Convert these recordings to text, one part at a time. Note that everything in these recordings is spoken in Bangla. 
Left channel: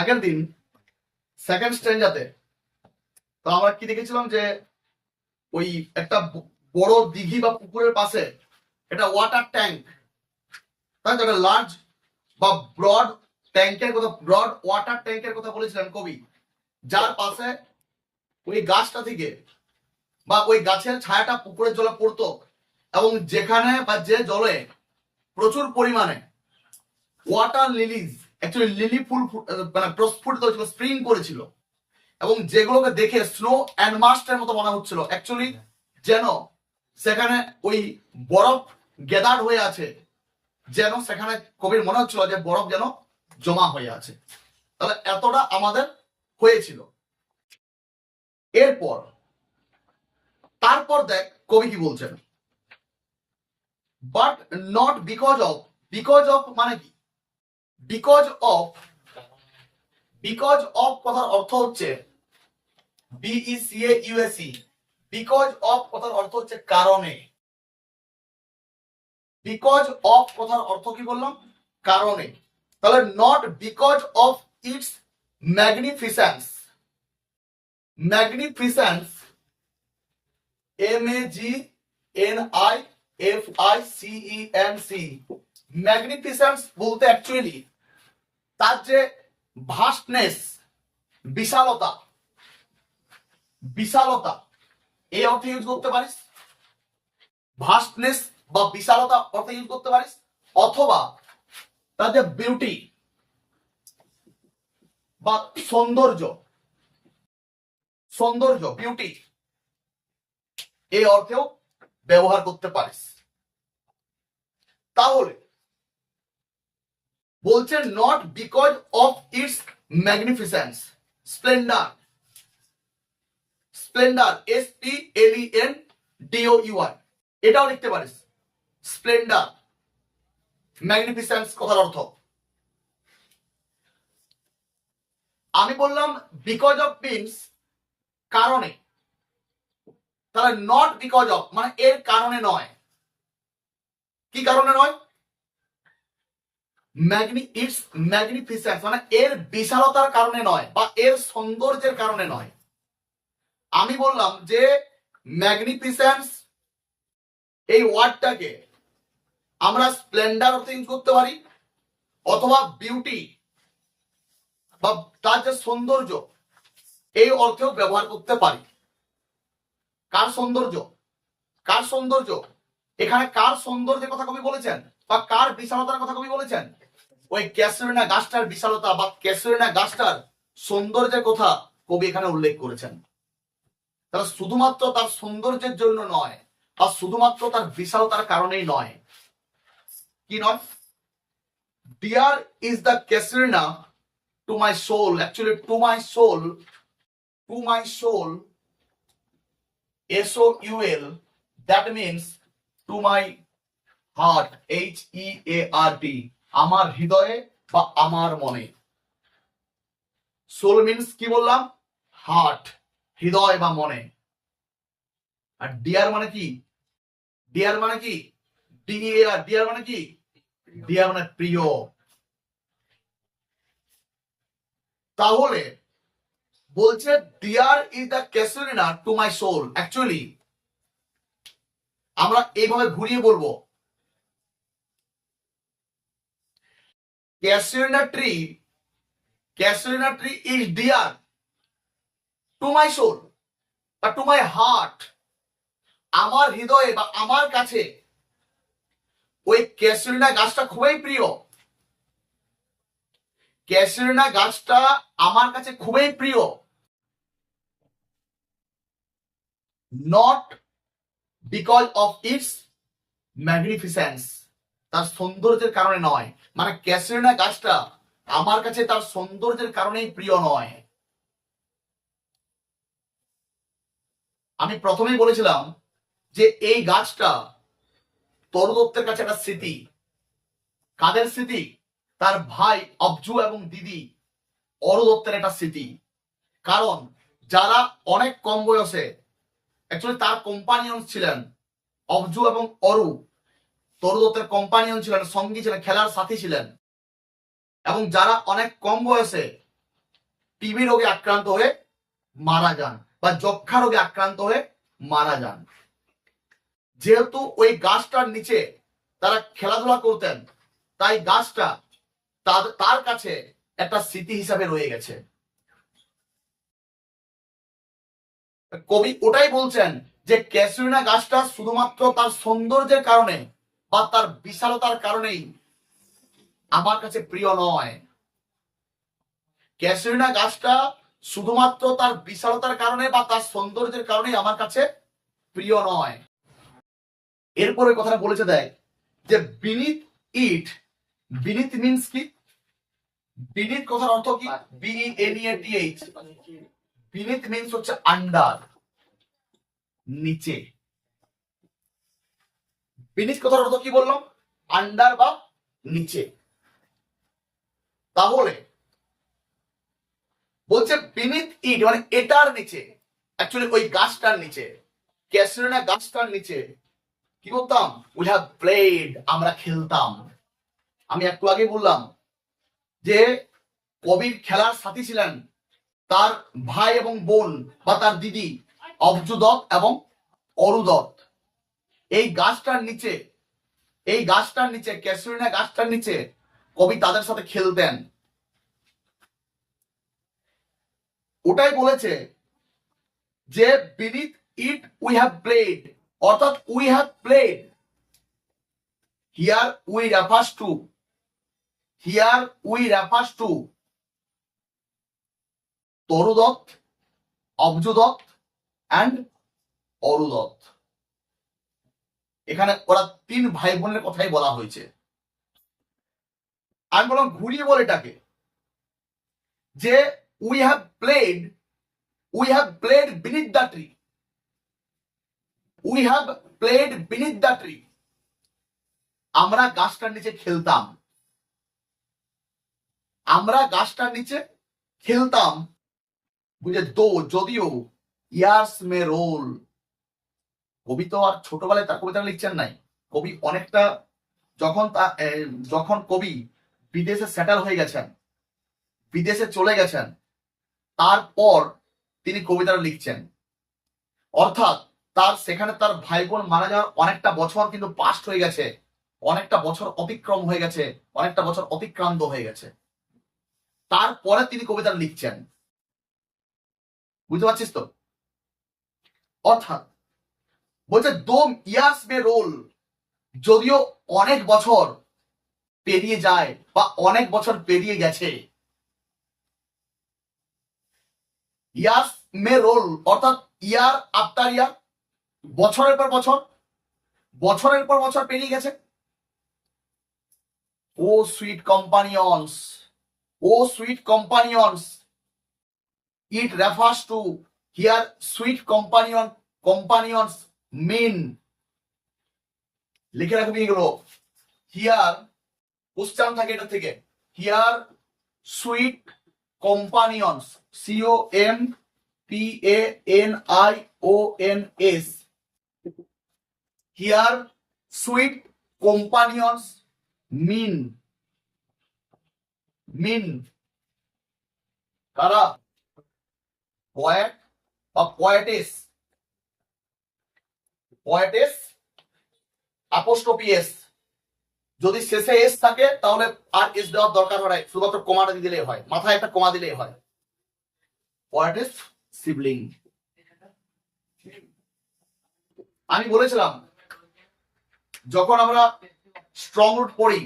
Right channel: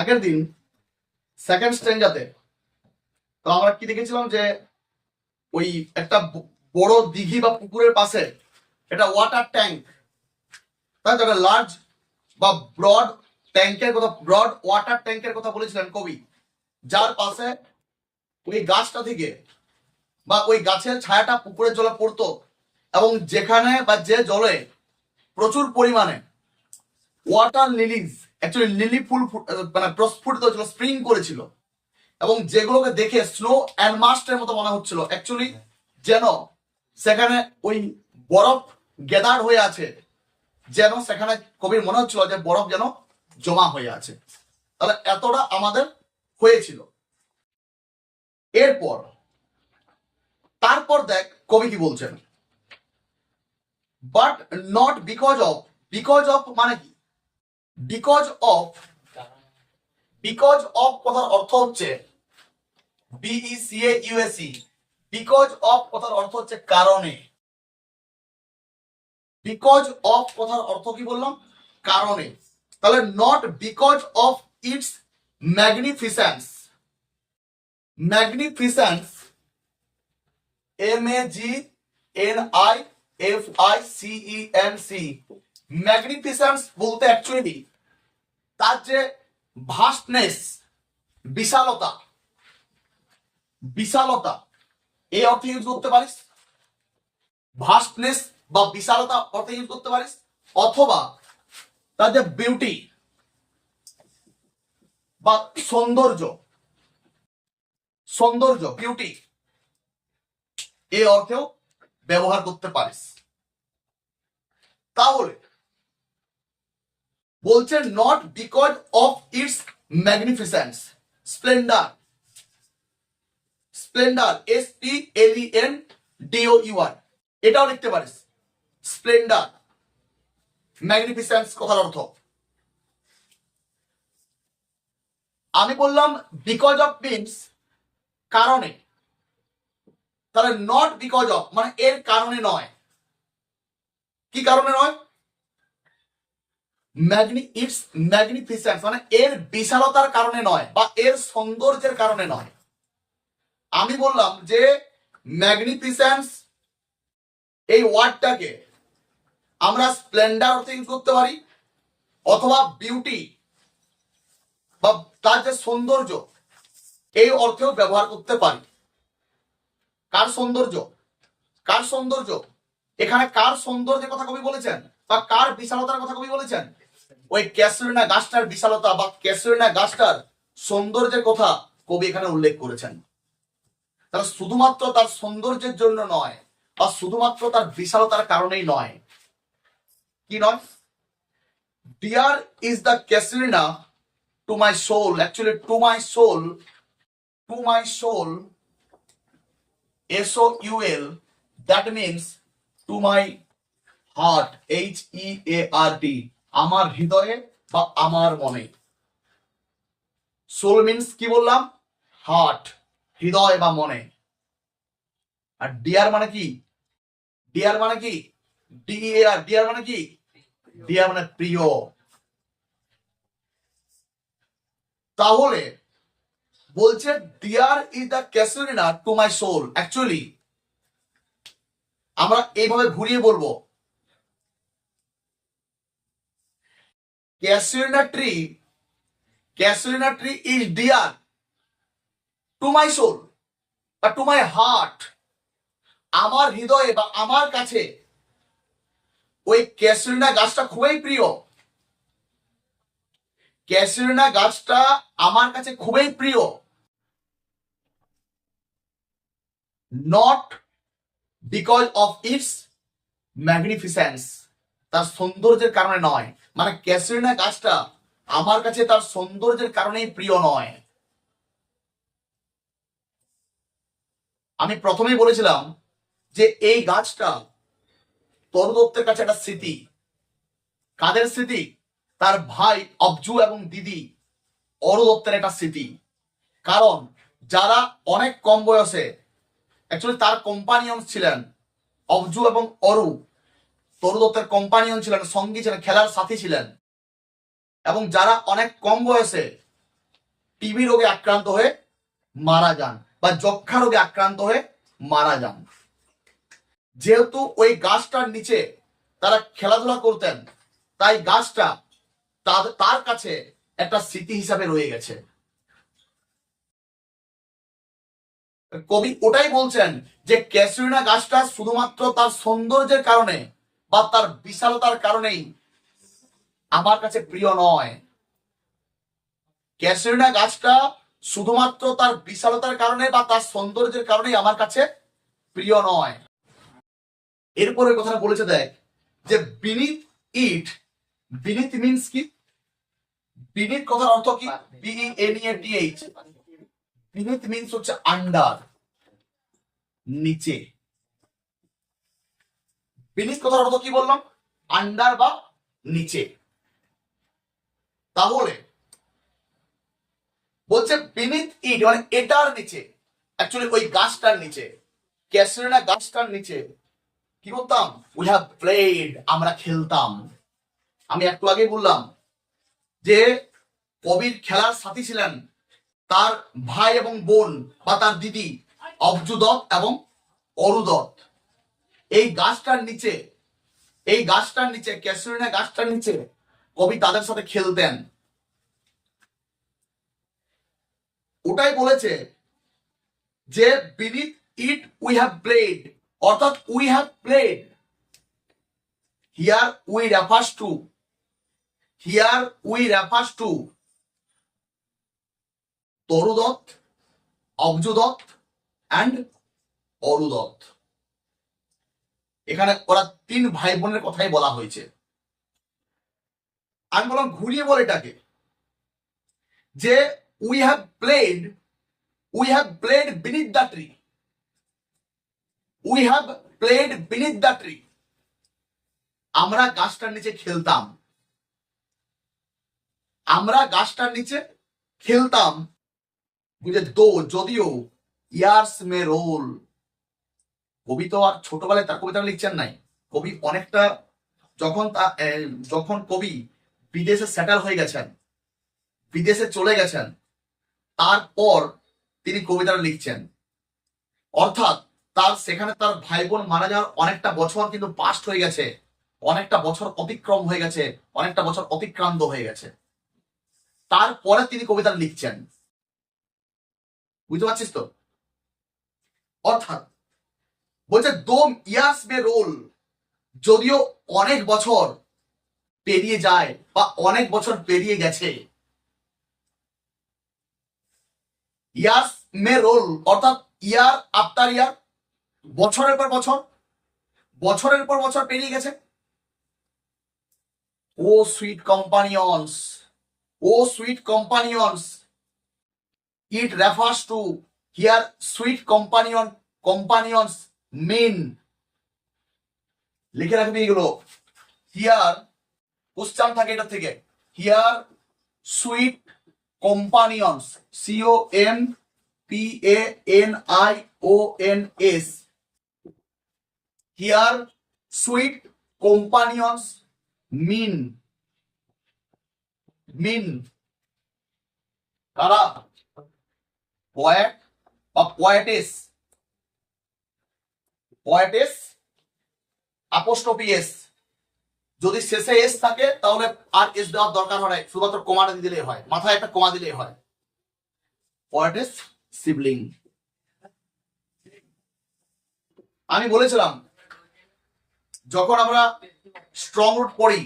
আগের দিন সেকেন্ড স্ট্রেঞ্জাতে তো আমরা কি দেখেছিলাম যে ওই একটা বড় দিঘি বা পুকুরের পাশে এটা ওয়াটার ট্যাঙ্ক, তাই তো, একটা লার্জ বা ব্রড ট্যাঙ্কের কথা, ব্রড ওয়াটার ট্যাঙ্কের কথা বলেছিলেন কবি, যার পাশে ওই গাছটা থেকে বা ওই গাছের ছায়াটা পুকুরের জলে পড়তো এবং যেখানে বা যে জলে প্রচুর পরিমাণে ওয়াটার লিলিজ, অ্যাকচুয়ালি লিলি ফুল মানে প্রস্ফুটিত হয়েছিল, স্প্রিং করেছিল এবং যেগুলোকে দেখে স্নো অ্যান্ড মাস্টের মতো মনে হচ্ছিল, অ্যাকচুয়ালি যেন সেখানে ওই বরফ গ্যাদার হয়ে আছে, যেন সেখানে কবির মনে হচ্ছিল যে বরফ যেন জমা হয়ে আছে। তাহলে এতটা আমাদের হয়েছিল। এরপর তারপর দেখ কবি কি বলছেন, but not because of. Because of মানে কি? বিকজ অফ, বিকজ অফ কথার অর্থ হচ্ছে BECAUSE। বিকজ অফ কথার অর্থ হচ্ছে কারণে। বিকজ অফ কথার অর্থ কি বললাম? কারণে। তাহলে not because of its magnificence. Magnificence, MAGNIFICENC। Magnificence বলতে অ্যাকচুয়ালি তার যে ভাস্টনেস, বিশালতা, বিশালতা এই অর্থে ইউজ করতে পারিস, ভাস্টনেস বা বিশালতা অর্থে ইউজ করতে পারিস, অথবা তার যে বিউটি বা সৌন্দর্য, সৌন্দর্য বিউটি এই অর্থেও ব্যবহার করতে পারিস। তাহলে বলছে not because of its magnificence, splendour, splendour SPLENDOUR এটাও লিখতে পারিস। স্প্লেন্ডার, ম্যাগনিফিসেন্স কথার অর্থ। আমি বললাম বিকজ অফ মিনস কারণে, তাহলে নট বিকজ অফ মানে এর কারণে নয়। কি কারণে নয়? ইটস ম্যাগনিফিসেন্স মানে এর বিশালতার কারণে নয় বা এর সৌন্দর্যের কারণে নয়। আমি বললাম যে ম্যাগনিফিসেন্স এই ওয়ার্ডটাকে আমরা স্প্লেন্ডার অর্থে ইউজ করতে পারি, অথবা বিউটি বা তার যে সৌন্দর্য এই অর্থেও ব্যবহার করতে পারি। কার সৌন্দর্য? কার সৌন্দর্য? এখানে কার সৌন্দর্যের কথা কবি বলেছেন বা কার বিশালতার কথা কবি বলেছেন? ওই ক্যাসুলিনা গাছটার বিশালতা বা ক্যাসুলিনা গাছটার সৌন্দর্যের কথা কবি এখানে উল্লেখ করেছেন। তারা শুধুমাত্র তার সৌন্দর্যের জন্য নয় বা শুধুমাত্র তার বিশালতার কারণেই নয়। কি নয়? Dear is the casuarina to my soul, actually to my soul, to my soul, SOUL, that means to my heart, HEART, আমার হৃদয়ে বা আমার মনে। সোল মিনস কি বললাম? হার্ট, হৃদয় বা মনে। আর ডিয়ার মানে কি? ডিয়ার মানে কি? DEAR, ডিয়ার মানে কি? ডিয়ার মানে প্রিয়। তাহলে বলছে dear is the casuarina to my soul. Actually আমরা এইভাবে ঘুরিয়ে বলবো, casuarina tree, casuarina tree is dear to my soul বা টু মাই হার্ট। আমার হৃদয়ে বা আমার কাছে ওই ক্যাসুলিনা গাছটা খুবই প্রিয়। ক্যাসুলিনা গাছটা আমার কাছে খুবই প্রিয়, নট বিকজ অফ ইটস ম্যাগনিফিসেন্স, তার সৌন্দর্যের কারণে নয়। মানে ক্যাসুলিনা গাছটা আমার কাছে তার সৌন্দর্যের কারণেই প্রিয় নয়। আমি প্রথমেই বলেছিলাম যে এই গাছটা তরু দত্তের কাছে একটা স্মৃতি। কাদের স্মৃতি? তার ভাই অবজু এবং দিদি অরু দত্তের একটা স্মৃতি। কারণ যারা অনেক কম বয়সে অ্যাকচুয়ালি তার কম্পানিয়ন ছিলেন, অবজু এবং অরু তরু দত্তের কম্পানিয়ন ছিলেন, সঙ্গী ছিলেন, খেলার সাথী ছিলেন, এবং যারা অনেক কম বয়সে টিবি রোগে আক্রান্ত হয়ে মারা যান বা যক্ষা রোগে আক্রান্ত হয়ে মারা যান। যেহেতু ওই গাছটার নিচে তারা খেলাধুলা করতেন, তাই গাছটা তার কাছে একটা স্মৃতি হিসাবে রয়ে গেছে। কবি ওটাই বলছেন যে ক্যাসুরিনা গাছটা শুধুমাত্র তার সৌন্দর্যের কারণে বা তার বিশালতার কারণেই আমার কাছে প্রিয় নয়। ক্যাসুরিনা গাছটা শুধুমাত্র তার বিশালতার কারণে বা তার সৌন্দর্যের কারণেই আমার কাছে প্রিয় নয়। এরপরে কথাটা বলেছে দেখ যে বিনিথ ইট, বিনিথ মিন্স কি? বিনিথ কথার অর্থ কি? BENEATH। বিনিথ মিন্স হচ্ছে আন্ডার, নিচে। বিনিথ কথার অর্থ কি বললাম? আন্ডার বা নিচে। তাহলে বলছে বিনিথ ইট মানে এটার নিচে, অ্যাকচুয়ালি ওই গাছটার নিচে, ক্যাসুরিনা গাছটার নিচে কি করতাম? উই হ্যাভ প্লেড, আমরা খেলতাম। আমি একটু আগে বললাম যে কবির খেলার সাথী ছিলেন তার ভাই এবং বোন বা তার দিদি অবজু দত্ত এবং অরু দত্ত। এই গাছটার নিচে, এই গাছটার নিচে, ক্যাসুরিনা গাছটার নিচে কবি তাদের সাথে খেলতেন। ওটাই বলেছে যে beneath it we have played, অর্থাৎ we have played. Here we refers to, here we refers to Toru Dutt, Abju Dutt and Aru Dutt. এখানে ওরা তিন ভাই বোনের কথাই বলা হয়েছে। আমি বললাম ঘুরিয়ে বল এটাকে যে we have played, we have played beneath the tree, we have played beneath the tree. আমরা গাছটার নিচে খেলতাম, আমরা গাছটার নিচে খেলতাম। বুঝে দো যদিও ইয়ার্স মে রোল, কবি তো আর ছোটবেলায় তার কবিতা লিখছেন নাই। কবি অনেকটা যখন কবি বিদেশে সেটেল হয়ে গেছেন, বিদেশে চলে গেছেন, তারপর তিনি কবিতাটা লিখছেন। অর্থাৎ তার সেখানে তার ভাই বোন মারা যাওয়ার অনেকটা বছর কিন্তু পাস্ট হয়ে গেছে, অনেকটা বছর অতিক্রম হয়ে গেছে, অনেকটা বছর অতিক্রান্ত হয়ে গেছে, তারপরে তিনি কবিতাটা লিখছেন। বুঝতে পারছিস তো? অর্থাৎ বলছে দোম ইয়ার্স মে রোল, যদিও অনেক বছর পেরিয়ে যায় বা অনেক বছর পেরিয়ে গেছে। ইয়ার্স মে রোল অর্থাৎ ইয়ার আফটার ইয়ার, বছরের পর বছর, বছরের পর বছর পেরিয়ে গেছে। O sweet companions, O sweet companions, it refers to, here sweet companions mean. লিখে রাখবি এগুলো। হিয়ার কোশ্চেন থাকে এটা থেকে, here sweet companions, COMPANIONS, here sweet companions mean, mean কারা? পয়েট বা পয়েটেস, পয়েটেস অ্যাপোস্ট্রফি এস। যদি শেষে এস থাকে তাহলে আর এস দেওয়ার দরকার হয়, শুধুমাত্র কমাটা দিলেই হয়, মাথায় একটা কমা দিলেই হয়। পয়েটেস সিবলিং। আমি বলেছিলাম যখন আমরা স্ট্রং রুট পড়ি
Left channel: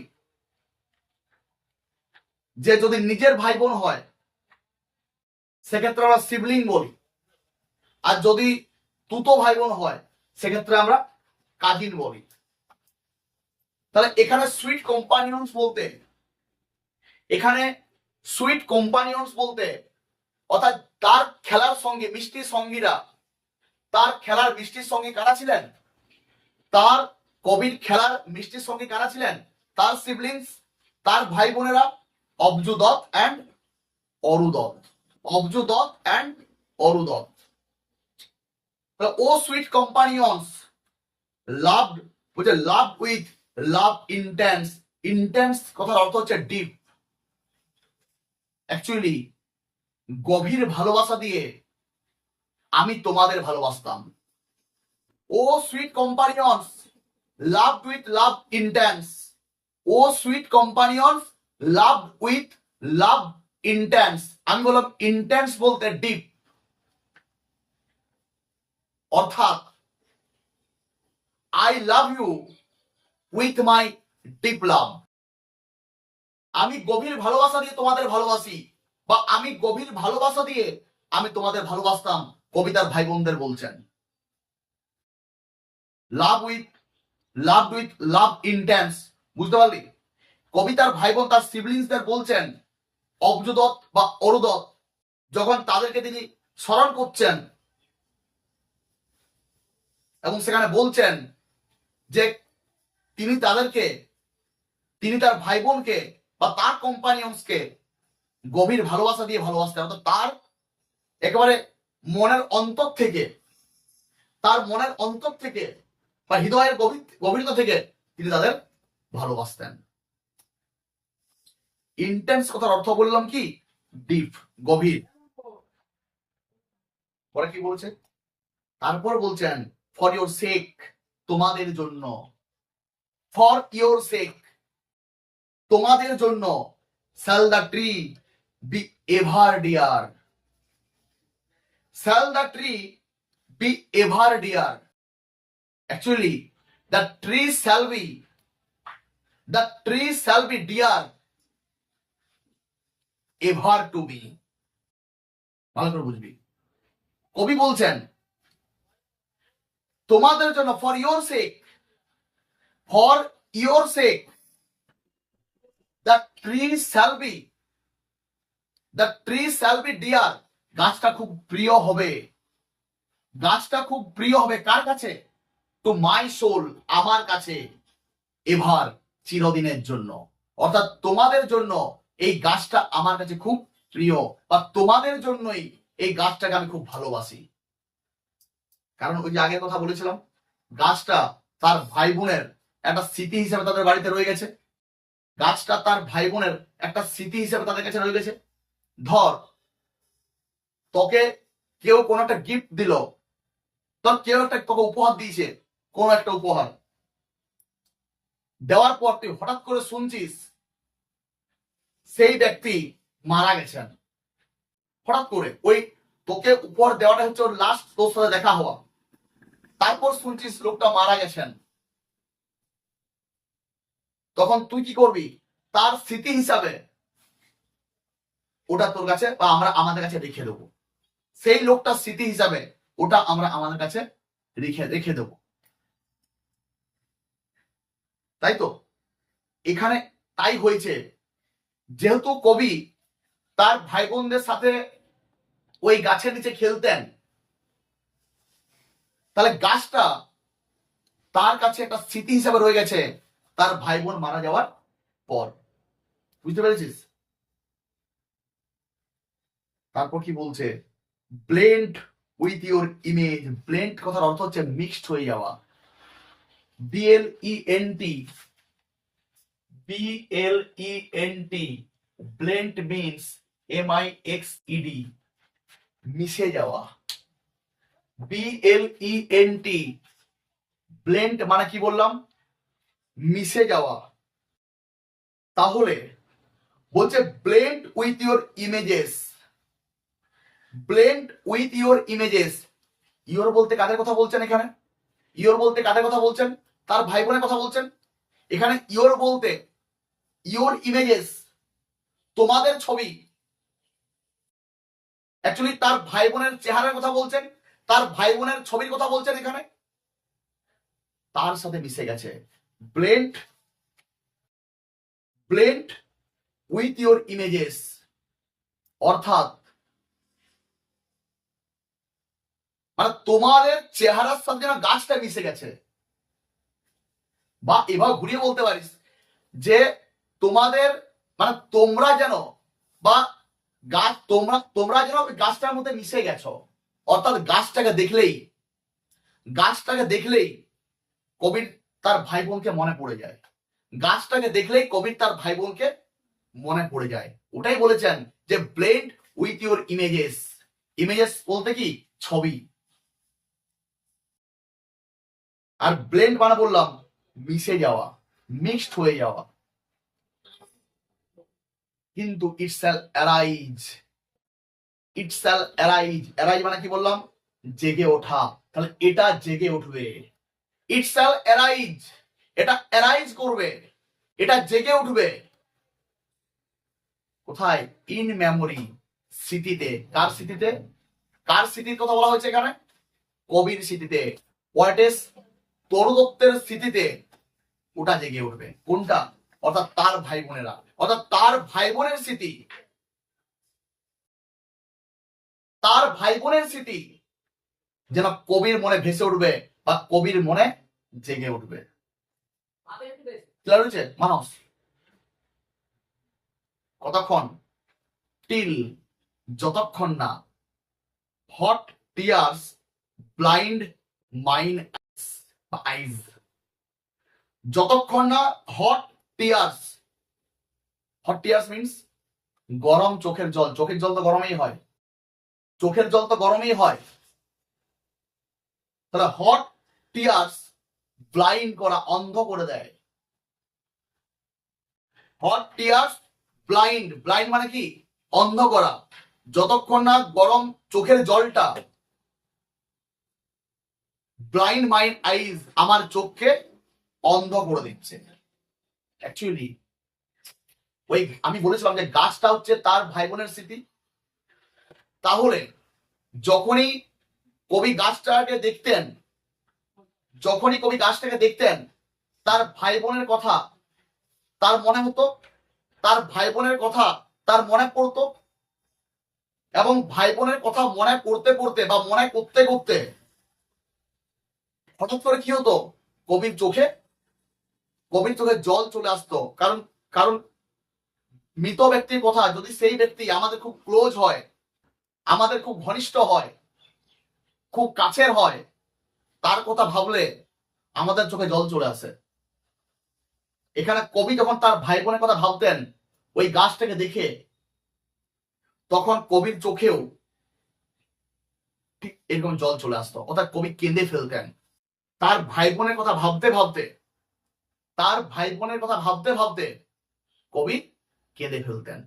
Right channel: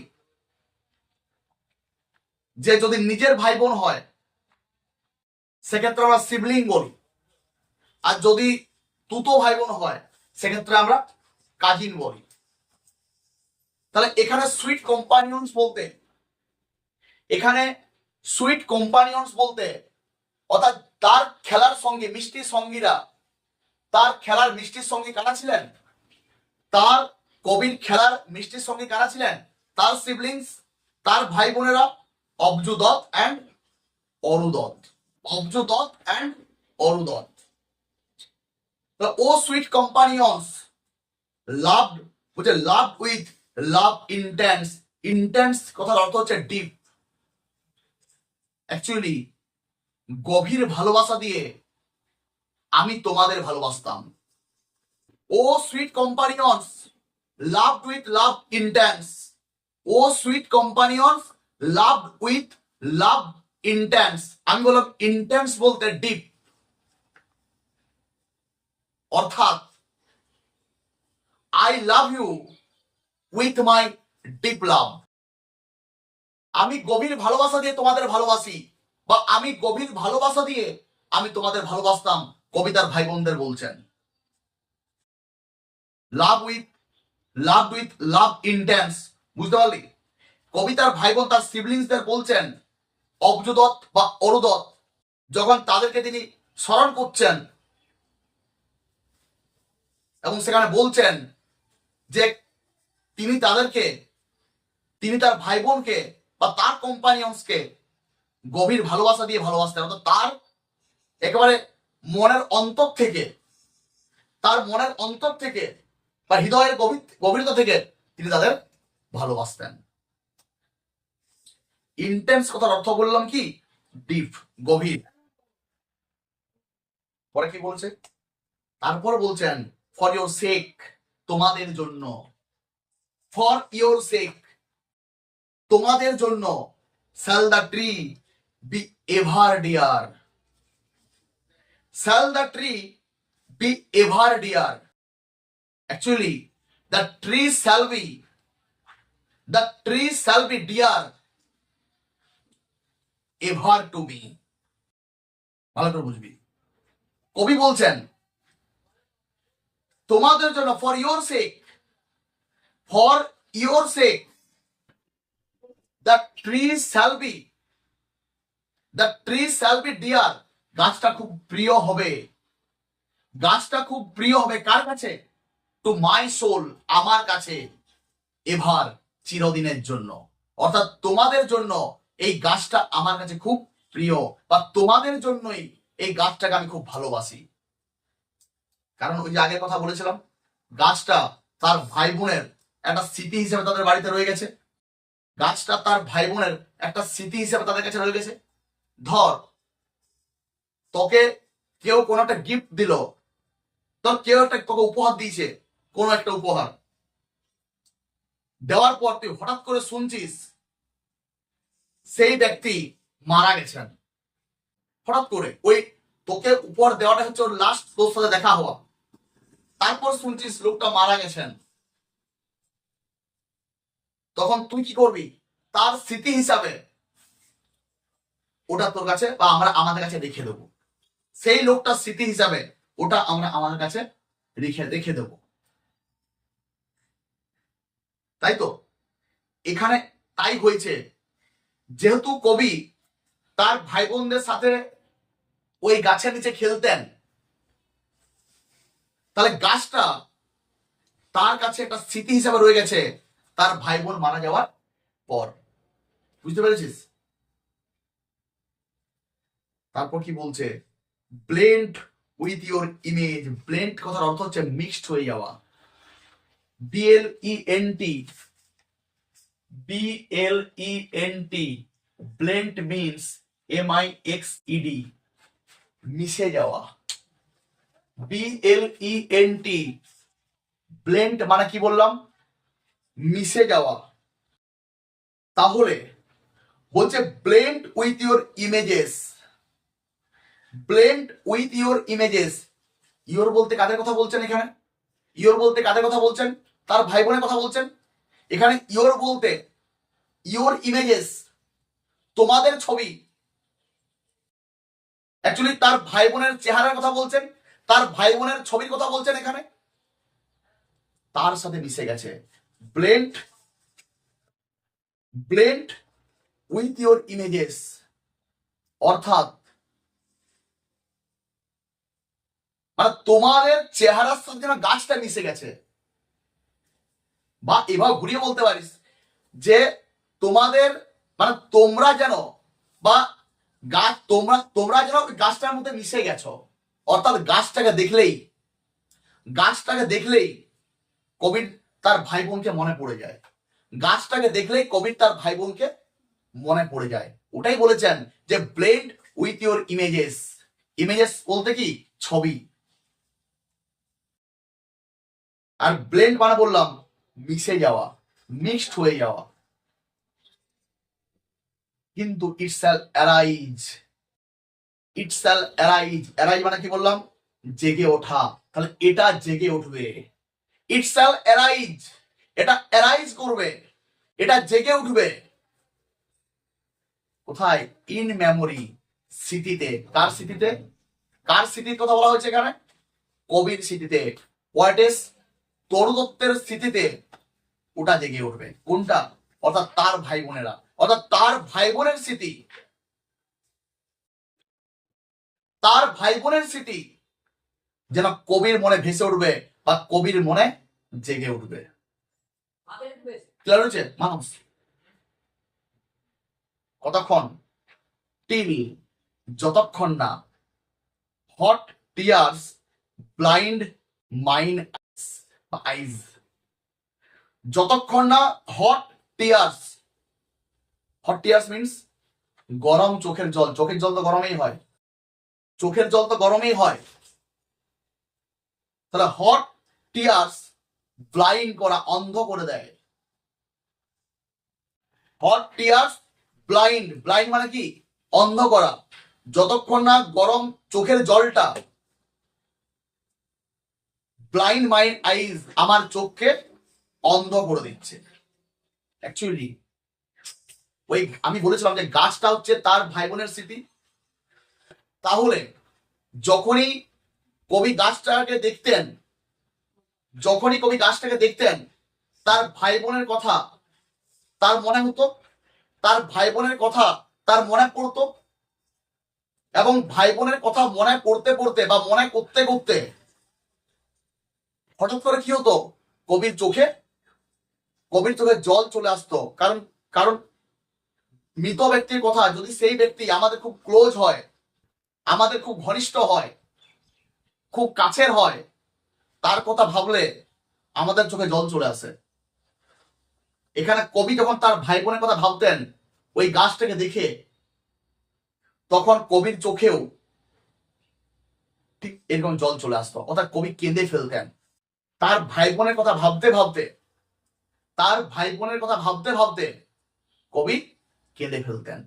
যে যদি নিজের ভাই বোন হয় সেক্ষেত্রে আমরা সিবলিং বলি, আর যদি তুতো ভাই বোন হয় সেক্ষেত্রে আমরা কাজিন বলি। তাহলে এখানে সুইট কম্পানিয়ন্স বলতে, এখানে সুইট কম্পানিয়ন্স বলতে অর্থাৎ তার খেলার সঙ্গে মিষ্টি সঙ্গীরা, তার খেলার মিষ্টির সঙ্গে কারা ছিলেন? তার কবির খেলার মিষ্টির সঙ্গে কারা ছিলেন? তার সিবলিংস, তার ভাই বোনেরা Abju Dutt and Aru Dutt, Abju Dutt and Aru Dutt. O sweet companions loved, বলছে loved with love intense. Intense কথার অর্থ হচ্ছে ডিপ। অ্যাকচুয়ালি গভীর ভালোবাসা দিয়ে আমি তোমাদের ভালোবাসতাম। O sweet companions love with love intense. O sweet companions love with love intense. আমি বললাম ইন্টেন্স বলতে ডিপ, অর্থাৎ I love you with my deep love. আমি গভীর ভালোবাসা দিয়ে তোমাদের ভালোবাসি, বা আমি গভীর ভালোবাসা দিয়ে আমি তোমাদের ভালোবাসতাম, কবিতার ভাই বোনদের বলছেন। লাভ উইথ লাভ ইন্টেন্স, বুঝতে পারলি? কবিতার ভাই বোন তার সিবলিংসদের বলছেন, অব্জদত্ত বা অরুদত্ত যখন তাদেরকে তিনি স্মরণ করছেন এবং সেখানে বলছেন যে তিনি তার ভাই বোনকে বা তার কম্পানিয়ন্সকে গভীর ভালোবাসা দিয়ে ভালোবাসতেন, অর্থাৎ তার একেবারে মনের অন্তর থেকে, তার মনের অন্তর থেকে বা হৃদয়ের গভীরতা থেকে তিনি তাদের ভালোবাসতেন। ইন্টেন্স কথার অর্থ বললাম কি? ডিপ, গভীর। পরে কি বলছে? তারপর বলছেন ফর ইওর সেক, তোমাদের জন্য। ফর ইওর সেক, তোমাদের জন্য। shall the tree be ever dear, shall the tree be ever dear. Actually the tree shall be dear ever to me. ভালো করে বুঝবি, কবি বলছেন তোমাদের জন্য, for your sake, for your sake the tree shall be dear. গাছটা খুব প্রিয় হবে, গাছটা খুব প্রিয় হবে কার কাছে? টু মাই সোল, আমার কাছে। এভার, চিরদিনের জন্য। অর্থাৎ তোমাদের জন্য এই গাছটা আমার কাছে খুব প্রিয়, বা তোমাদের জন্যই এই গাছটাকে আমি খুব ভালোবাসি। কারণ ওই যে আগের কথা বলেছিলাম, গাছটা তার ভাই বোনের একটা স্মৃতি হিসেবে তাদের বাড়িতে রয়ে গেছে। গাছটা তার ভাই বোনের একটা স্মৃতি হিসেবে তাদের কাছে রয়ে গেছে। ধর তোকে কেউ কোনো একটা গিফট দিল, তোর কেউ একটা তোকে উপহার দিয়েছে, কোনো একটা উপহার দেওয়ার পর তুই হঠাৎ করে শুনছিস সেই ব্যক্তি মারা গেছেন। হঠাৎ করে ওই তোকে উপহার দেওয়াটা হচ্ছে ওর লাস্ট তোর সাথে দেখা হওয়া, তারপর শুনছিস লোকটা মারা গেছেন। তখন তুই কি করবি? তার স্মৃতি হিসাবে ওটা তোর কাছে বা আমরা আমাদের কাছে রেখে দেবো। সেই লোকটার স্মৃতি হিসাবে ওটা আমরা আমাদের কাছে রেখে দেবো, তাই তো? এখানে তাই হয়েছে, যেহেতু কবি তার ভাই বোনদের সাথে ওই গাছের নিচে খেলতেন, তাহলে গাছটা তার কাছে একটা স্মৃতি হিসাবে রয়ে গেছে তার ভাই বোন মারা যাওয়ার পর। বুঝতে পেরেছিস? তারপর কি বলছে? Blend with your image. Blend কথার অর্থ হচ্ছে মিক্সড হয়ে যাওয়া। BLENT, ব্লেন্ড মিন্স MIXED, মিশে যাওয়া। BLENT, ব্লেন্ড মানে কি বললাম? মিশে যাওয়া। তাহলে বলছে blend with your images, blend with your images. Your বলতে কাদের কথা বলছেন এখানে? ইওর বলতে কাদের কথা বলছেন? তার ভাই বোনের কথা বলছেন। এখানে ইওর বলতে ইওর ইমেজেস, তোমাদের ছবি। অ্যাকচুয়ালি তার ভাই বোনের চেহারার কথা বলছেন, তার ভাই বোনের ছবির কথা বলছেন। এখানে তার সাথে মিশে গেছে। ব্লেন্ড উইথ ইওর ইমেজেস, অর্থাৎ মানে তোমাদের চেহারার সাথে যেন গাছটা মিশে গেছে। বা এভাবে ঘুরিয়ে বলতে পারিস যে তোমাদের মানে তোমরা যেন বা গাছ তোমরা যেন গাছটার মধ্যে মিশে গেছো। অর্থাৎ গাছটাকে দেখলেই কবির তার ভাই বোনকে মনে পড়ে যায়। গাছটাকে দেখলেই কবির তার ভাই বোনকে মনে পড়ে যায়। ওটাই বলেছেন যে blend with your images. Images বলতে কি? ছবি। আর ব্লেন্ড মানে বললাম মিশে যাওয়া, মিক্সড হয়ে যাওয়া। কিন্তু ইট শ্যাল অ্যারাইজ, ইট শ্যাল অ্যারাইজ। অ্যারাইজ মানে কি বললাম? জেগে ওঠা। তাহলে এটা জেগে উঠবে। ইট শ্যাল অ্যারাইজ, এটা অ্যারাইজ করবে, এটা জেগে উঠবে। কোথায়? ইন মেমোরি, স্মৃতিতে। কার স্মৃতিতে? কার স্মৃতির কথা বলা হয়েছে এখানে? কবির স্মৃতিতে। What is? তরু দত্তের স্মৃতিতে ওটা জেগে উঠবে। কোনটা? অর্থাৎ তার ভাই বোনেরা, অর্থাৎ তার ভাই বোনের স্মৃতি, তার ভাই বোনের স্মৃতি যেন কবির মনে ভেসে উঠবে বা কবির মনে জেগে উঠবে। ক্লিয়ার হয়েছে মানুষ? কতক্ষণ? টিল, যতক্ষণ না হট টিয়ার্স ব্লাইন্ড মাইন্ড বা আইজ। যতক্ষণ না hot tears, hot tears means গরম চোখের জল। চোখের জল তো গরমেই হয়, চোখের জল তো গরমেই হয়। তাহলে হট টিয়ার্স ব্লাইন্ড করা, অন্ধ করে দেয়। হট টিয়ার্স ব্লাইন্ড, ব্লাইন্ড মানে কি? অন্ধ করা। যতক্ষণ না গরম চোখের জলটা ব্লাইন্ড মাইন্ড আইজ, আমার চোখকে অন্ধ করে দিচ্ছে। অ্যাকচুয়ালি ওই আমি বলেছিলাম যে গাছটা হচ্ছে তার ভাই বোনের স্মৃতি। তাহলে যখনই কবি গাছটাকে দেখতেন, যখনই কবি গাছটাকে দেখতেন, তার ভাই বোনের কথা তার মনে হতো, তার ভাই বোনের কথা তার মনে পড়তো। এবং ভাই বোনের কথা মনে পড়তে পড়তে বা মনে করতে করতে হঠাৎ করে কি হতো? কবির চোখে, কবির চোখে জল চলে আসতো। কারণ কারণ মৃত ব্যক্তির কথা যদি সেই ব্যক্তি আমাদের খুব ক্লোজ হয়, আমাদের খুব ঘনিষ্ঠ হয়, খুব কাছের হয়, তার কথা ভাবলে আমাদের চোখে জল চলে আসে। এখানে কবি যখন তার ভাই বোনের কথা ভাবতেন ওই গাছটাকে দেখে, তখন কবির চোখেও ঠিক এরকম জল চলে আসতো, অর্থাৎ কবি কেঁদে ফেলতেন। তার ভাই বোনের কথা ভাবতে ভাবতে, তার ভাই বোনের কথা ভাবতে ভাবতে কবি কেঁদে ফেলতেন।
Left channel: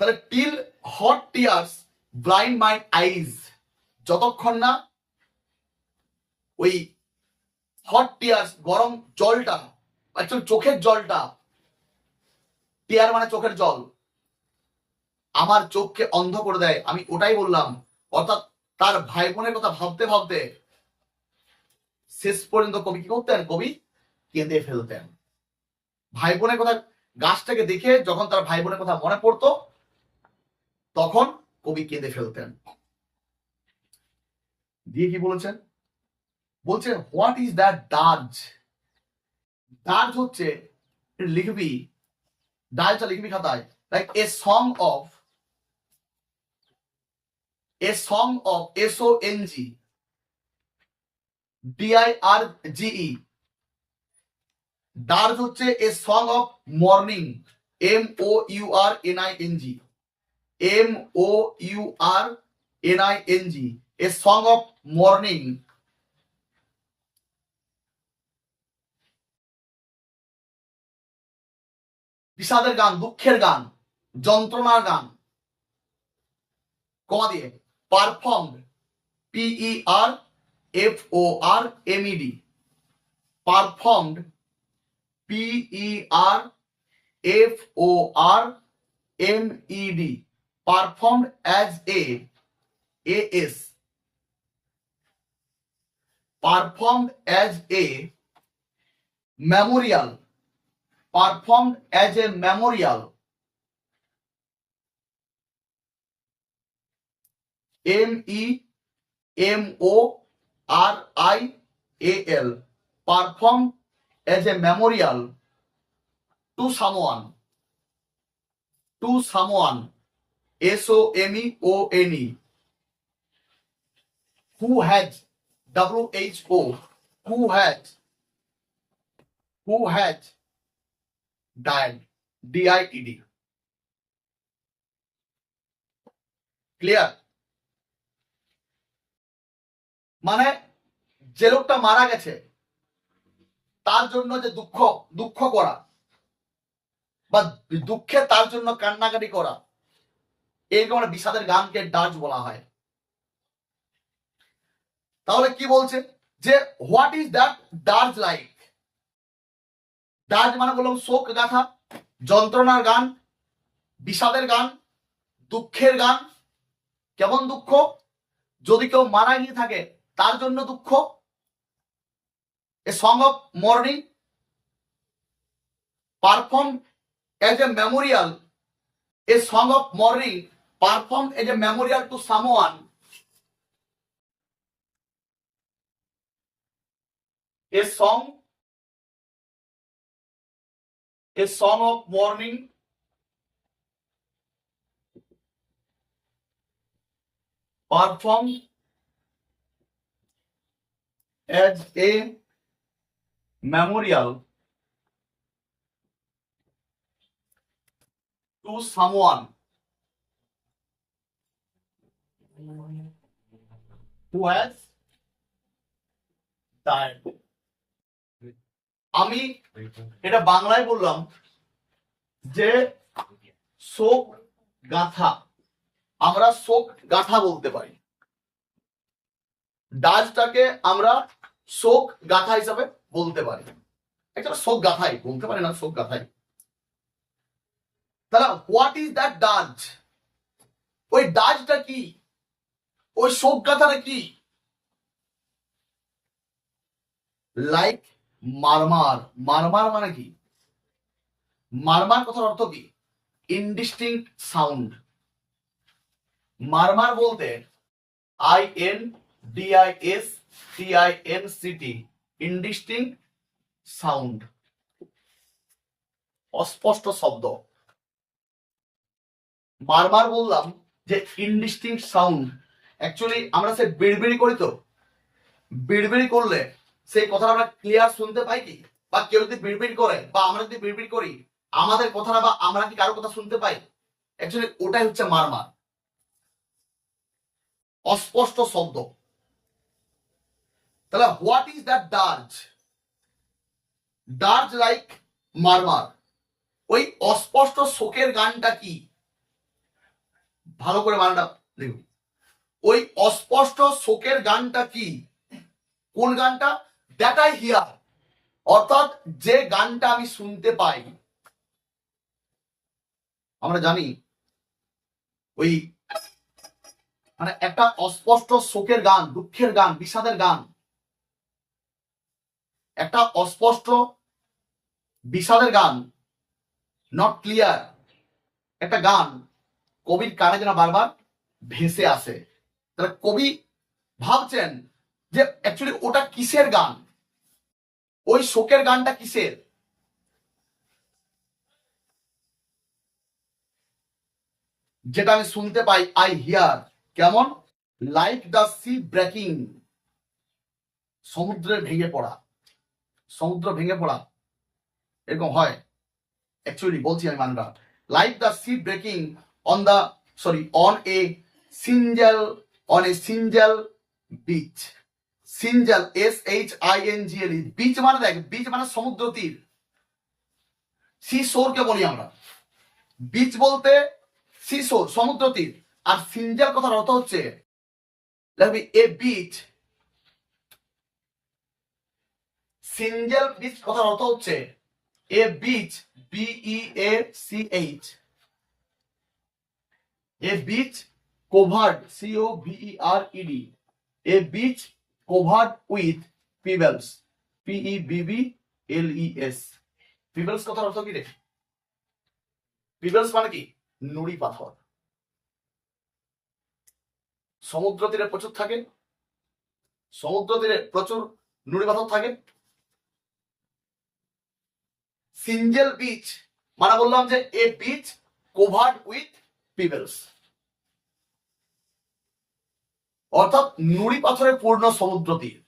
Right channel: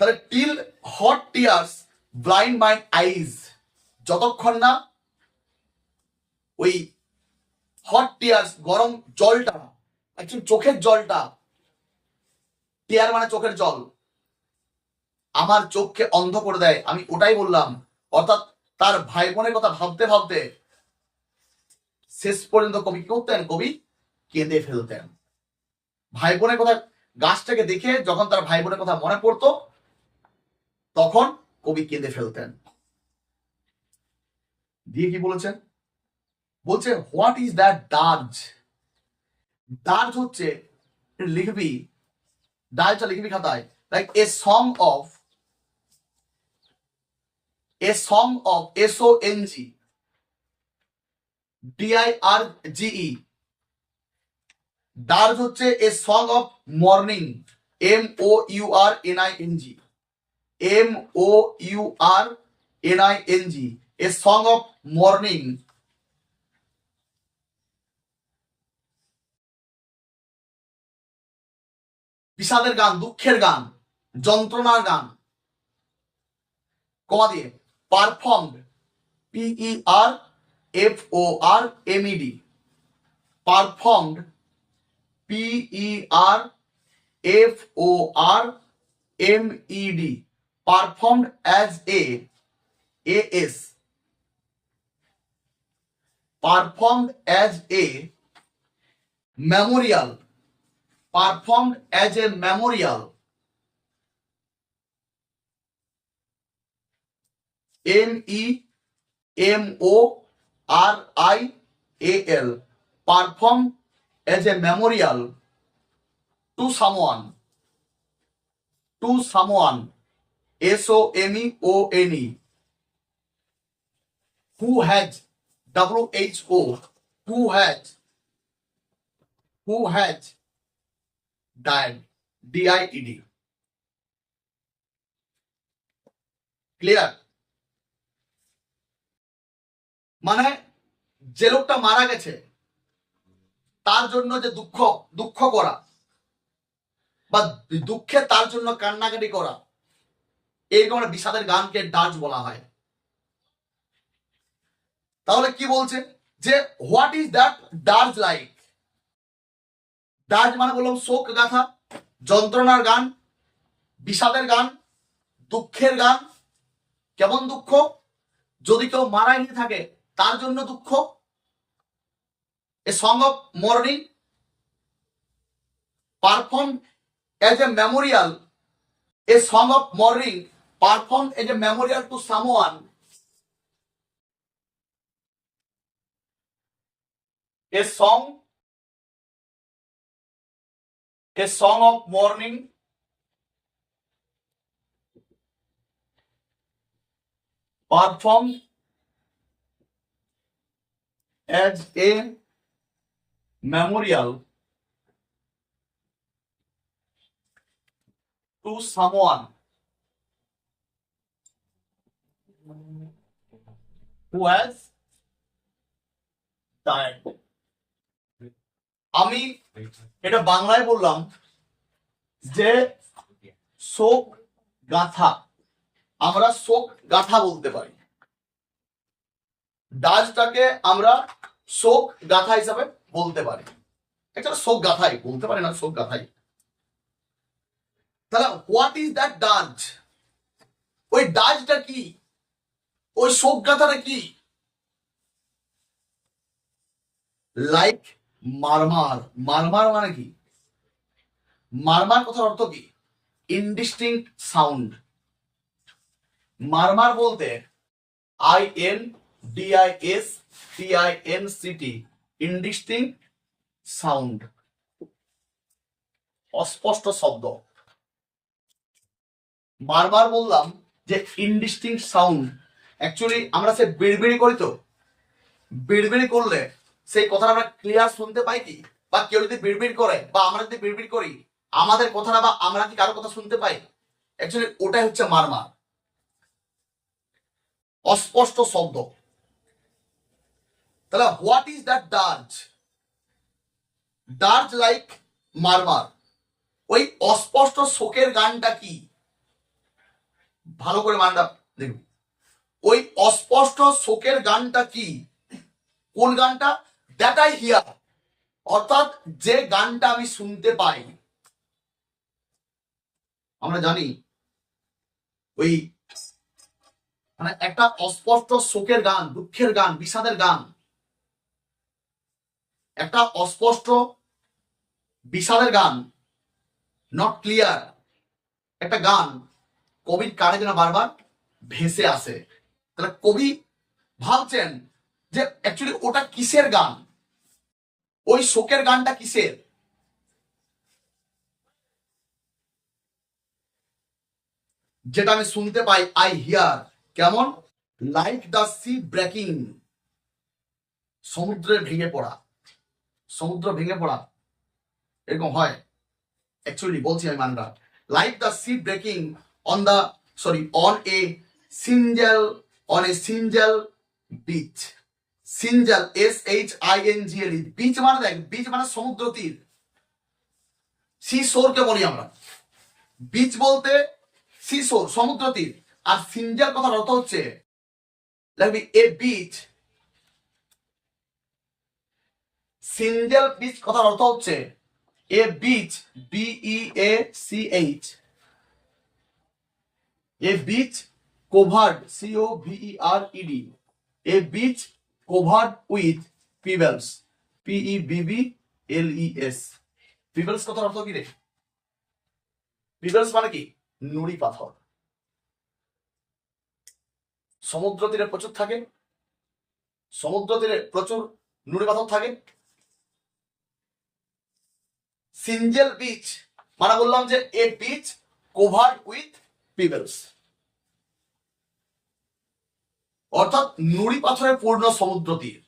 তাহলে till hot tears blind mind eyes, যতক্ষণ না ওই হট টিয়ার্স গরম জলটা, অ্যাকচুয়ালি চোখের জলটা, টিয়ার মানে চোখের জল, আমার চোখকে অন্ধ করে দেয়। আমি ওটাই বললাম। অর্থাৎ তার ভাই বোনের কথা ভাবতে ভাবতে শেষ পর্যন্ত কবি কি করতেন? কবি কেঁদে ফেলতেন। ভাই বোনের কথা, গাছটাকে দেখে যখন তার ভাই বোনের কথা মনে পড়তো তখন কবি কেঁদে ফেলতেন। দিয়ে কি বলেছেন? বলছে what is that dirge. Dirge হচ্ছে, লিখবি, ডার্জটা লিখবি খাতায়, like a song of, a song of, SONG DIRGE। Dirge হচ্ছে a song of mourning, MOURNING, MOURNING, a song of mourning. বিষাদের গান, দুঃখের গান, যন্ত্রণার গান, কমা দিয়ে performed, PERFORMED, performed, PERFORMED, performed as a AS, performed as a memorial, performed as a memorial, MEMORIAL, performed as a memorial to someone, to someone, SOMEONE, who has, WHO, who has died, DIED, clear? মানে যে লোকটা মারা গেছে তার জন্য যে দুঃখ দুঃখ করা বা দুঃখে তার জন্য কান্নাকাটি করা, এরকম একটা বিষাদের গানকে ডার্জ বলা হয়। তাহলে কি বলছে যে হোয়াট ইজ দ্যাট ডার্জ লাইক? ডার্জ মানে বললাম শোক গাথা, যন্ত্রণার গান, বিষাদের গান, দুঃখের গান। কেমন দুঃখ? যদি কেউ মারা গিয়ে থাকে তার জন্য দুঃখ। এ song of morning perform as a Memorial, A song of morning perform as a Memorial to someone, a song of mourning performed as a memorial to someone who has died. আমি এটা বাংলায় বললাম যে শোক গাথা, আমরা শোক গাথা বলতে পারি। ডার্জটাকে আমরা শোক গাথা হিসাবে বলতে পারি। একটা শোক গাথাই বলতে পারি না, শোক গাথাই। তাহলে হোয়াট ইজ দ্যাট ডার্জ? ওই ডার্জটা কি? ওই শোক গাথাটা কি? লাইক মারমার। মারমার মানে কি? মারমার কথার অর্থ কি? ইনডিস্টিংক্ট সাউন্ড। মারমার বলতে INDISTINCT, ইনডিস্টিংক্ট সাউন্ড, অস্পষ্ট শব্দ। বারবার বললাম যে ইনডিস্টিংক্ট সাউন্ড, অ্যাকচুয়ালি আমরা সে বিড়বিড়ি করি, তো বিড়বিড়ি করলে সেই কথাটা আমরা ক্লিয়ার শুনতে পাই কি? বা কেউ যদি বিড়বিড় করে বা আমরা যদি বিড়বিড় করি, আমাদের কথাটা বা আমরা কি কারো কথা শুনতে পাই? অ্যাকচুয়ালি ওটাই হচ্ছে মারমার, অস্পষ্ট শব্দ। তাহলে what is that dirge? Dirge like murmur. ওই অস্পষ্ট শোকের গানটা কি? ভালো করে মানটা দেখুন, ওই অস্পষ্ট শোকের গানটা কি? কোন গানটা? দ্যাট আই হিয়ার, অর্থাৎ যে গানটা আমি শুনতে পাই। আমরা জানি ওই মানে একটা অস্পষ্ট শোকের গান, দুঃখের গান, বিষাদের গান, একটা অস্পষ্ট বিষাদের গান, নট ক্লিয়ার একটা গান কবির কানে যেন বারবার ভেসে আসে। তাহলে কবি ভাবছেন যে অ্যাকচুয়ালি ওটা কিসের গান, ওই শোকের গানটা কিসের? যেটা আমি শুনতে পাই, আই হিয়ার। কেমন? লাইক দ্য সি ব্রেকিং, সমুদ্রে ভেঙে পড়া। সমুদ্র ভেঙে পড়া এরকম হয় অ্যাকচুয়ালি, বলছি আমি মানটা। Like the sea breaking on the on a সিঞ্জেল, on a সিঞ্জেল beach. সিঞ্জেল, SHINGL, beach মানে দেখ, বিচ মানে সমুদ্র তীর, সি শোরকে বলি আমরা। বিচ বলতে সি শোর, সমুদ্র তীর। আর সিঞ্জেল কথার অর্থ হচ্ছে লাগবে এ বিচ। সিঞ্জেল বিচ কথার অর্থ হচ্ছে a beach, BEACH, a beach covered, COVERED, a beach covered with pebbles, PEBBLES। Pebbles কথার অর্থ কি রে? পিবলস মানে কি? নুড়ি পাথর। সমুদ্র তীরে প্রচুর থাকে, সমুদ্র তীরে প্রচুর নুড়ি পাথর থাকে। সিঞ্জেল বিচ মানে বললাম যে এ বিচ covered with pebbles, অর্থাৎ নুড়ি পাথরে পূর্ণ সমুদ্র তীর।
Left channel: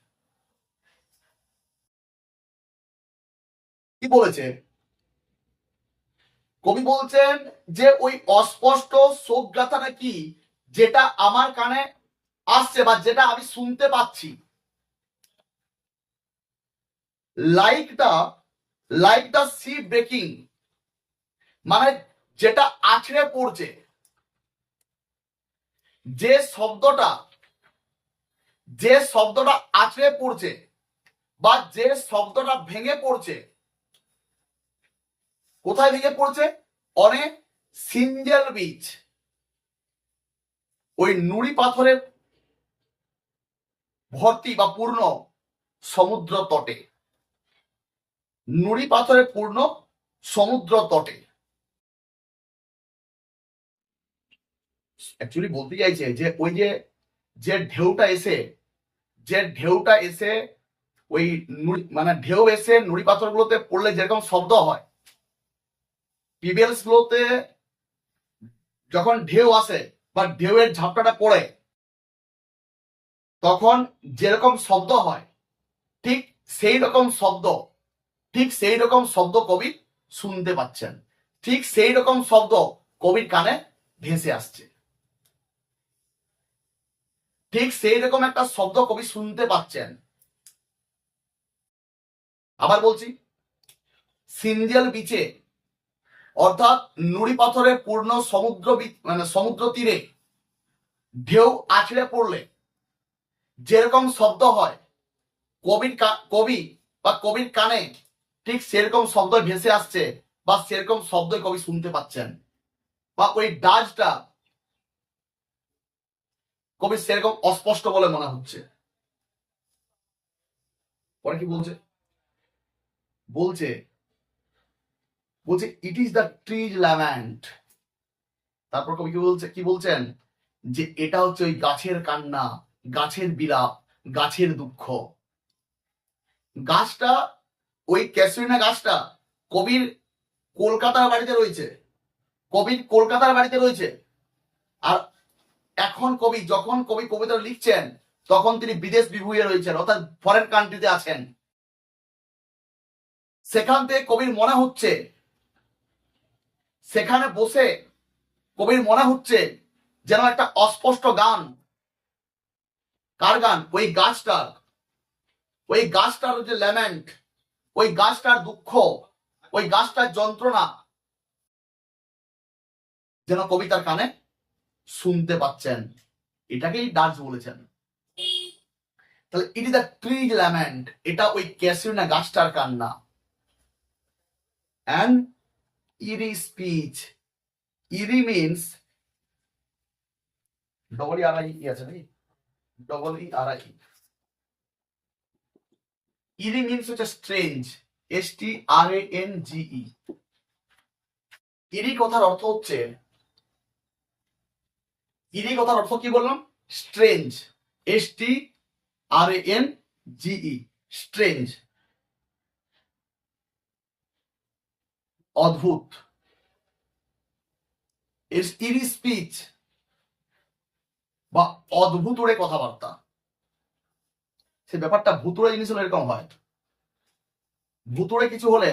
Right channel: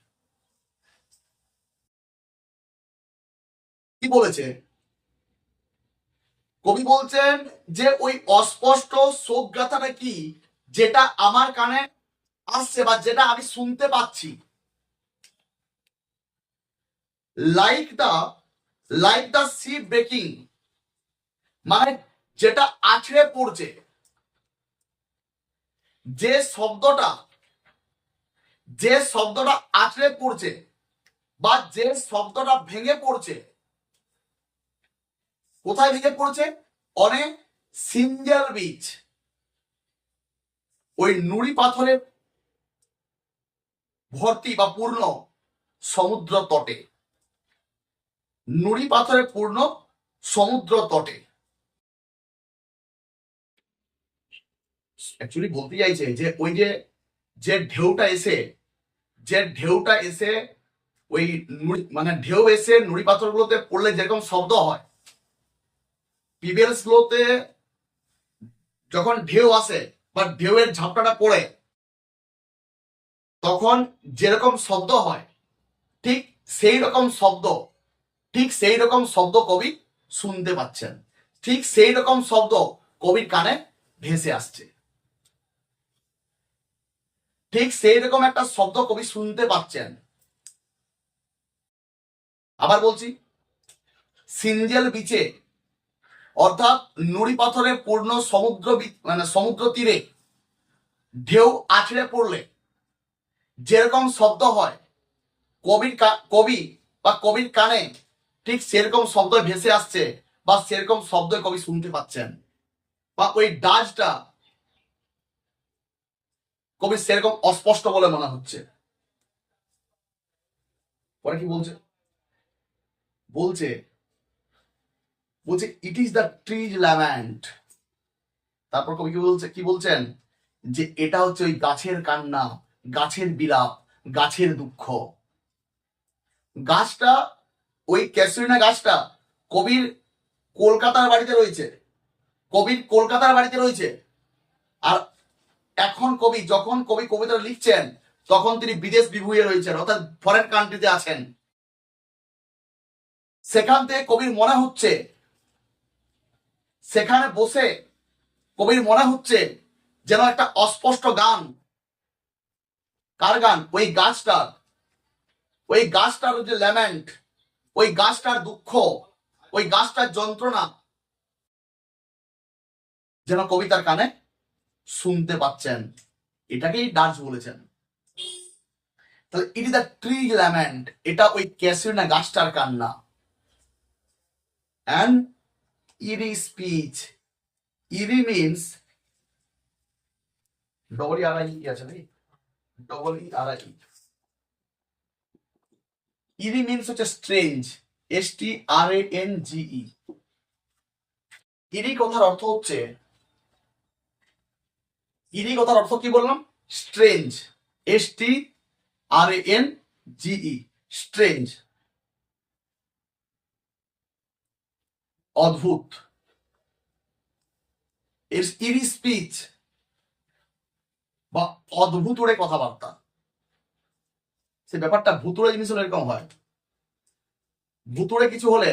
কি বলেছে কবি? বলছেন যে ওই অস্পষ্ট শোক গাথাটা কি? যেটা আমার কানে আসছে বা যেটা আমি শুনতে পাচ্ছি, লাইক দ্য সি ব্রেকিং, মানে যেটা আছড়ে পড়ছে, যে শব্দটা আছড়ে পড়ছে বা যে শব্দটা ভেঙে পড়ছে, কোথায় ভেঙে পড়ছে? অনেক সিঙ্গেল বিচ, ওই নুড়ি পাথরে ভর্তি বা পূর্ণ সমুদ্র তটে, নুড়ি পাথরে পূর্ণ সমুদ্র তটে। অ্যাকচুয়ালি বলতে চাইছে যে ওই যে ঢেউটা এসে ওই মানে ঢেউ এসে নুড়ি পাথরগুলোতে পড়লে যেরকম শব্দ হয়, পিবেলস গুলোতে যখন ঢেউ আসে বা ঢেউয়ের ঝাপটাটা পড়ে তখন যেরকম শব্দ হয়, ঠিক সেই রকম শব্দ কবি শুনতে পাচ্ছেন, ঠিক সেই রকম শব্দ কবির কানে ভেসে আসছে, ঠিক সেই রকম একটা শব্দ কবি শুনতে পাচ্ছেন। আবার বলছি, সিঙ্গেল বিচে অর্থাৎ নুড়ি পাথরে পূর্ণ মানে সমুদ্র তীরে ঢেউ আছড়ে পড়লে যেরকম শব্দ হয়, কবির কানে ঠিক সেরকম শব্দ ভেসে আসছে বা সেরকম শব্দ কবি শুনতে পাচ্ছেন, বা ওই ডাজটা কবির সেরকম অস্পষ্ট বলে মনে হচ্ছে। পরে কি বলছে? বলছে ইট ইজ দ্য ট্রিজ ল্যামেন্ট। তারপর কবি কি বলছেন? যে এটা হচ্ছে ওই গাছের কান্না, গাছের বিলাপ, গাছের দুঃখ। গাছটা, ওই ক্যাসুরিনা গাছটা কবির কলকাতার বাড়িতে রয়েছে। আর এখন যখন কবি কবিতা লিখছেন তখন তিনি বিদেশ বিভুঁইয়ে রয়েছেন, অর্থাৎ ফরেন কান্ট্রিতে আছেন। সেখান থেকে কবির মনে হচ্ছে, সেখানে বসে কবির মনে হচ্ছে যেন একটা অস্পষ্ট গান। কার গান? ওই গাছটার যে ল্যামেন্ট, ওই গাছটার দুঃখ, ওই গাছটার যন্ত্রণা যেন কবিতার কানে শুনতে পাচ্ছেন। এটাকেই ডাচ বলেছেন। তাহলে it is the tree lament, এটা ওই ক্যাসিনা গাছটার কান্না। And eerie speech, eerie means double E R I আছে নাকি? Double E R I. Eerie means হচ্ছে স্ট্রেঞ্জ, STRANGE। ইরি কথার অর্থ কি বললাম? স্ট্রেঞ্জ, STRANGE, স্ট্রেঞ্জ, অদ্ভুত। ইরি স্পিচ বা অদ্ভুতুড়ে কথাবার্তা। সে ব্যাপারটা ভুতুড়ে জিনিস হলে এরকম হয়। ভুতুড়ে কিছু হলে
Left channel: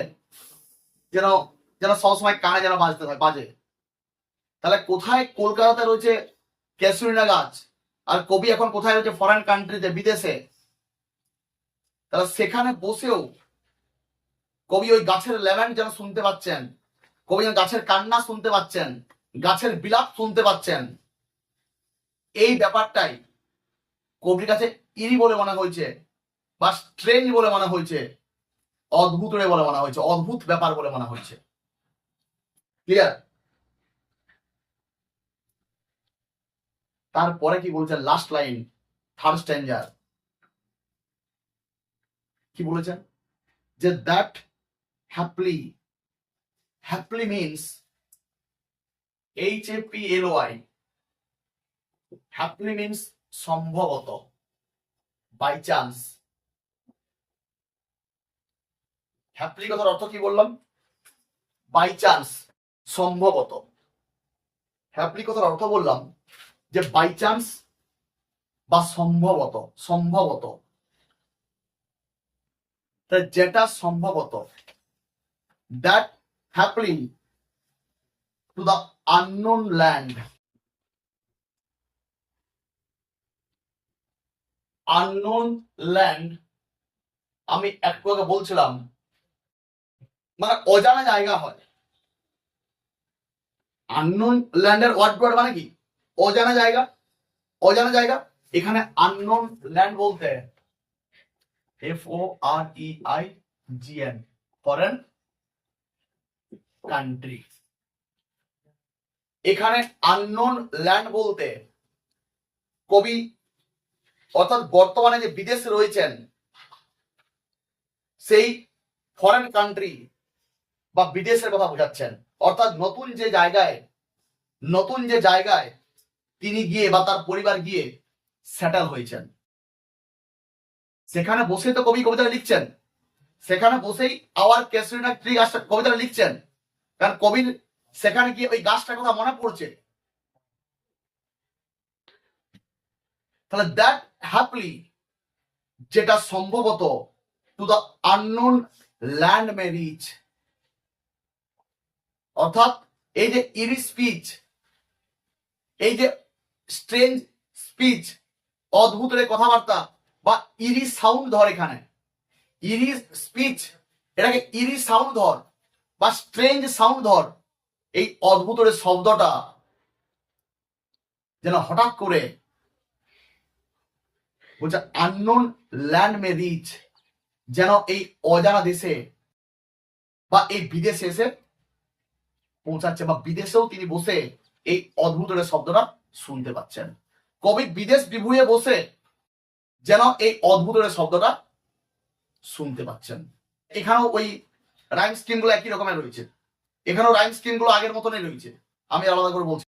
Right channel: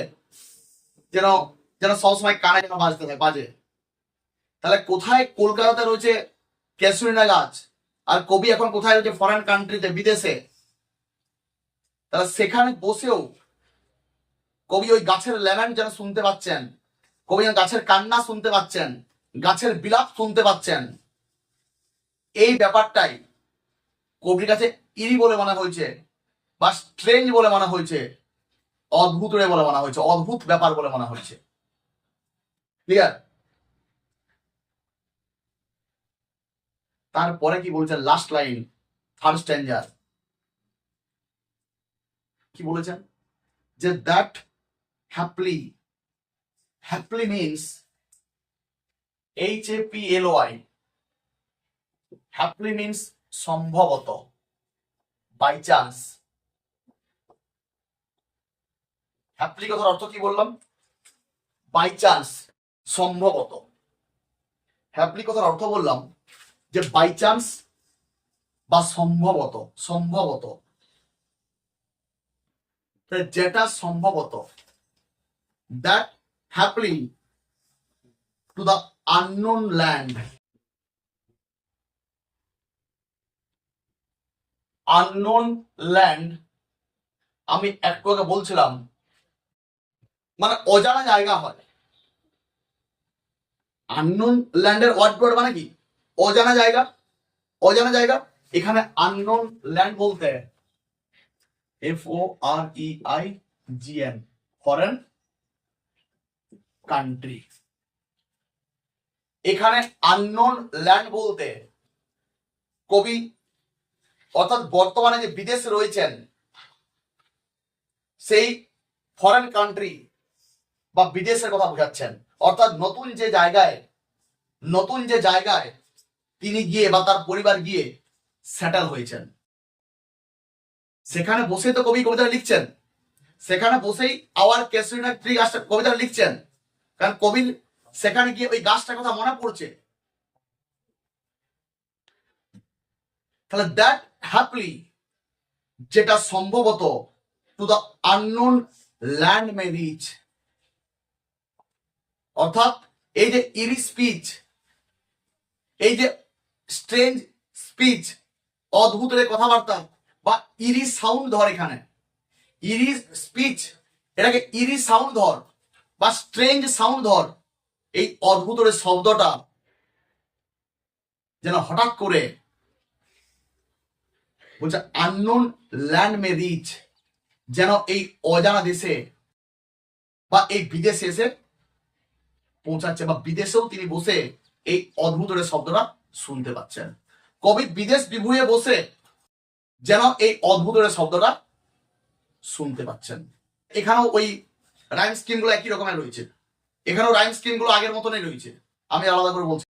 যেন সবসময় কানে যেন বাজে। তাহলে কোথায় কলকাতাতে রয়েছে ক্যাসুরিনা গাছ, আর কবি এখন কোথায় রয়েছে? ফরেন কান্ট্রিতে, বিদেশে। তাহলে সেখানে বসেও কবি ওই গাছের ল্যামেন্ট যেন শুনতে পাচ্ছেন, কবি যেন গাছের কান্না শুনতে পাচ্ছেন, গাছের বিলাপ শুনতে পাচ্ছেন। এই ব্যাপারটাই কবির কাছে ইরি বলে মনে হয়েছে, বা স্ট্রেঞ্জ বলে মনে হয়েছে, অদ্ভুত বলে মনে হয়েছে, অদ্ভুত ব্যাপার বলে মনে হয়েছে। ক্লিয়ার? তারপরে কি বলছেন? লাস্ট লাইন, থার্ড স্ট্যাঞ্জার কি বলেছেন? যে দ্যাট হ্যাপলি মিনস HAPLY, হ্যাপলি মিনস সম্ভবত, বাই চান্স। হ্যাপলি কথার অর্থ কি বললাম? বাই চান্স, সম্ভবত। হ্যাপলি কথার অর্থ বললাম যে বাই চান্স বা সম্ভবত, যেটা সম্ভবত। That haply to the unknown land, unknown land, আমি একটু আগে বলছিলাম মানে অজানা জায়গা হয়। আননোন ল্যান্ডের ওয়ার্ড মানে কি? অজানা জায়গা। অজানা জায়গা, এখানে আননোন ল্যান্ড বলতে FOREIGN, ফরেন কান্ট্রি। এখানে আননোন ল্যান্ড বলতে কবি অর্থাৎ বর্তমানে যে বিদেশে রয়েছেন সেই ফরেন কান্ট্রি বা বিদেশের কথা বোঝাচ্ছেন। অর্থাৎ নতুন যে জায়গায় তিনি গিয়ে বা তার পরিবার গিয়ে সেটেল হয়েছেন, সেখানে বসেই তো কবি কবিতাটা লিখছেন। সেখানে বসেই আওয়ার ক্যাসরিনা ট্রি গাছটা কবিতাটা লিখছেন, কারণ কবির সেখানে গিয়ে ওই গাছটার কথা মনে পড়ছে। তাহলে দ্যাট হ্যাপলি, যেটা সম্ভবত, to the unknown land may reach, অর্থাৎ এই যে ইরি স্পিচ, এই যে স্ট্রেঞ্জ স্পিচ, অদ্ভুত রে কথাবার্তা বা ইরি সাউন্ড ধর, এখানে ইরি স্পিচ, এটাকে ইরি সাউন্ড ধর বা স্ট্রেঞ্জ সাউন্ড ধর, এই অদ্ভুত রে শব্দটা যেন হঠাৎ করে বলছে আননোন ল্যান্ড মে রিচ, যেন এই অজানা দেশে বা এই বিদেশে এসে পৌঁছাচ্ছে, বা বিদেশেও তিনি বসে এই অদ্ভুত শব্দটা শুনতে পাচ্ছেন। কবি বিদেশ বিভুঁইয়ে বসে যেন এই অদ্ভুত শব্দটা শুনতে পাচ্ছেন। এখানেও ওই রাইম স্কিম গুলো একই রকমের রয়েছে, এখানেও রাইম স্কিম গুলো আগের মতনই রয়েছে, আমি আলাদা করে বলছি।